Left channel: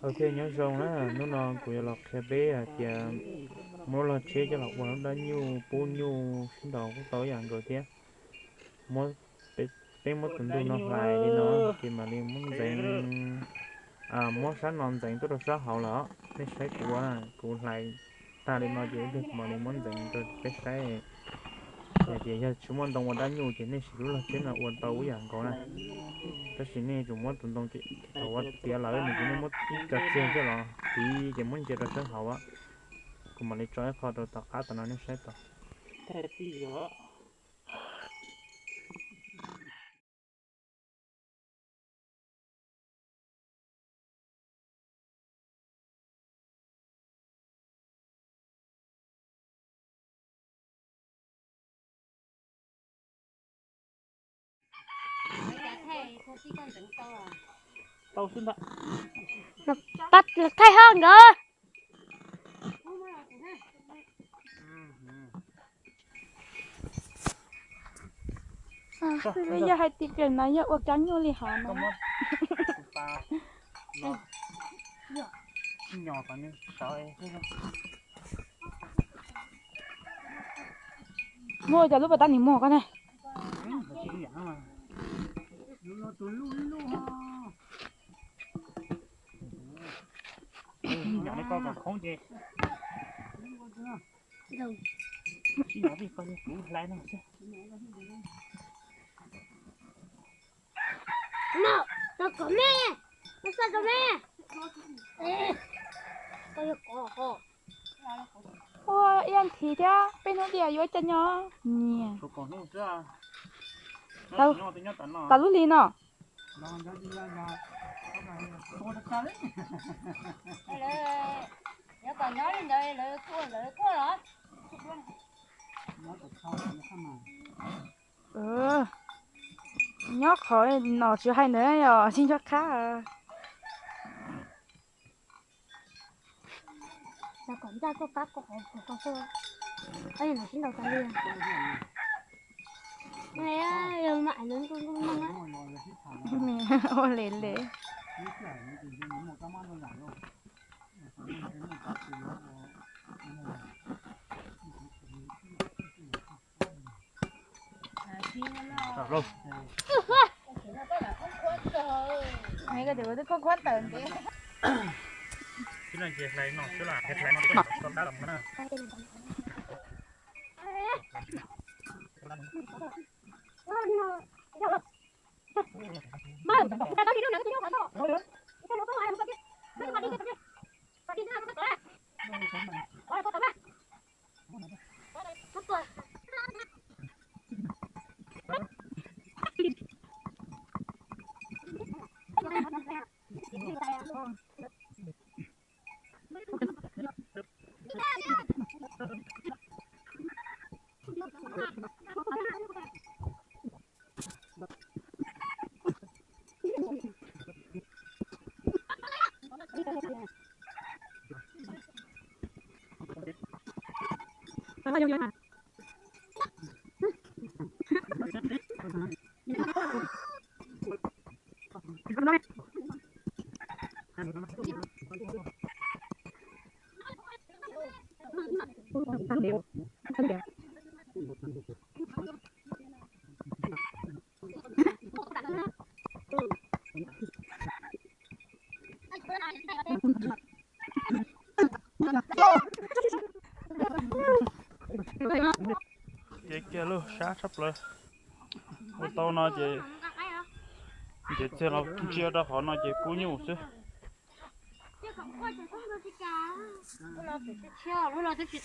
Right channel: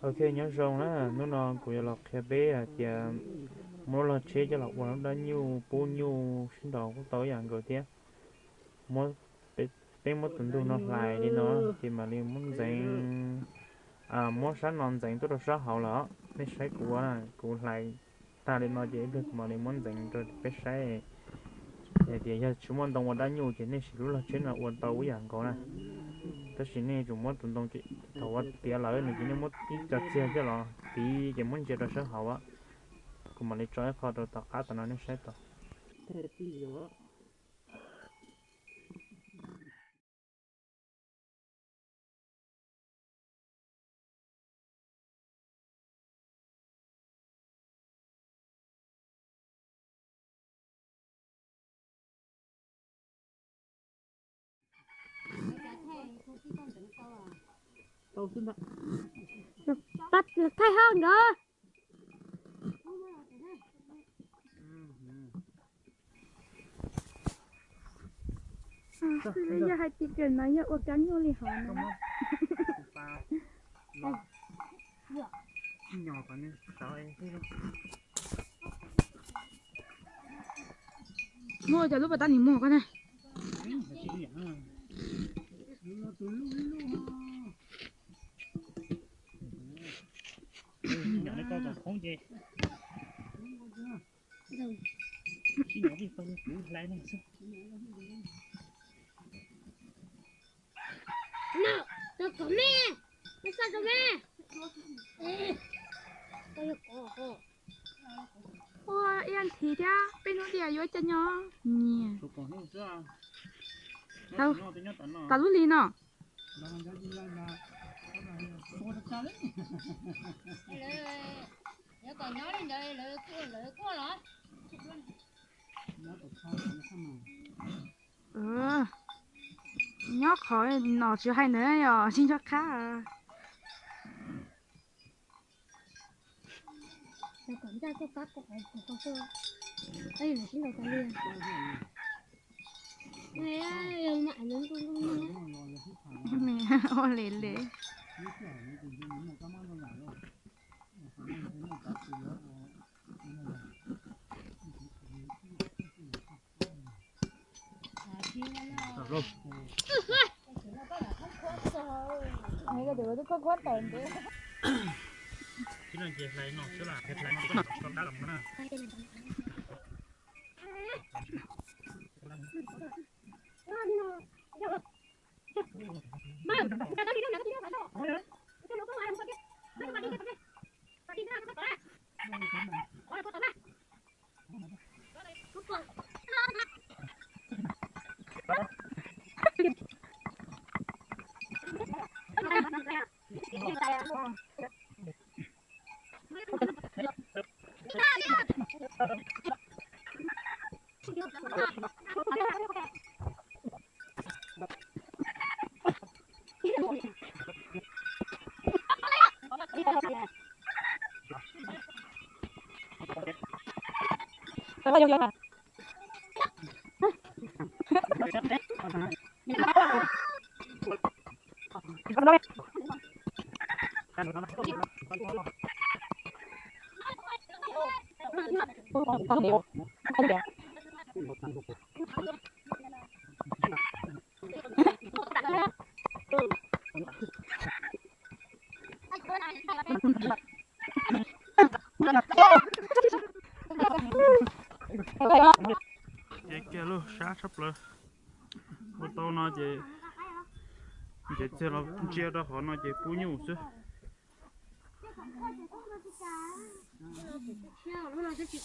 ok nhớ rồng đó nó non của lọc khe bé à thì mỗi lần chế cho lọc vào nó nhu bố nhu sinh đầu cũng tối dạng rồi thế mỗi bé mỗi tuần tu nó lại đi nó thì mà liền muốn dành mỗi sáng non dành tôi được sáng hậu lỡ bé sấy của lại ta đi nói dễ được mà liền muốn dành tôi bé sấy thì giờ chúng mình đồng vào đã nhu thì nên sử dụng là chế là uốn tàu dạng có này tất nhiên này chúng mình tuần đồng chị thầu vật tiền lợi này chỉ nên mất ít cho chơi chứ là thì chỉ muốn chơi được sáng hậu á cũng mà lấy trái phao đồ tao cá tao nói sẽ tao tao xin đó bắt được thay hơn nữa bây giờ hai tiệc rồi mà giờ uống trắng vô liền hả mà ta nó nhỏ còn nên sợ em mua cho lúc bà ta nhìn mua con này nhỏ nó con còn không gì nhỏ đi con đi lại nó xem No, no come. No se come. ôi yên thì thế bên nó địa vô chân nhá nè còn nó chưa tao tao lúc đi nó Nhớ còn nhớ lên đây lợi cua đó. ừ nhóc khỏi nó chưa hay nữa rồi xin cho khá à Là còn ra có bác của con xưa. Ấy là xin đầu tiên liền. Này á, giờ mãi lớn con á. mẹ ô lệ lệ Được luôn. mấy cái điều đó có quá tởn đi Chứ là chị lấy nó chứ là hết lấy nó còn đã làm cái nào. Tao vô mà con đó tao hiểu không được Chị kia luôn sát sắp rồi. Ô tô nó chị chơi nó chia ra họ nó chị cú nhiều chứ. Chứ không coi chẳng không được gì cả. Lúc nào thì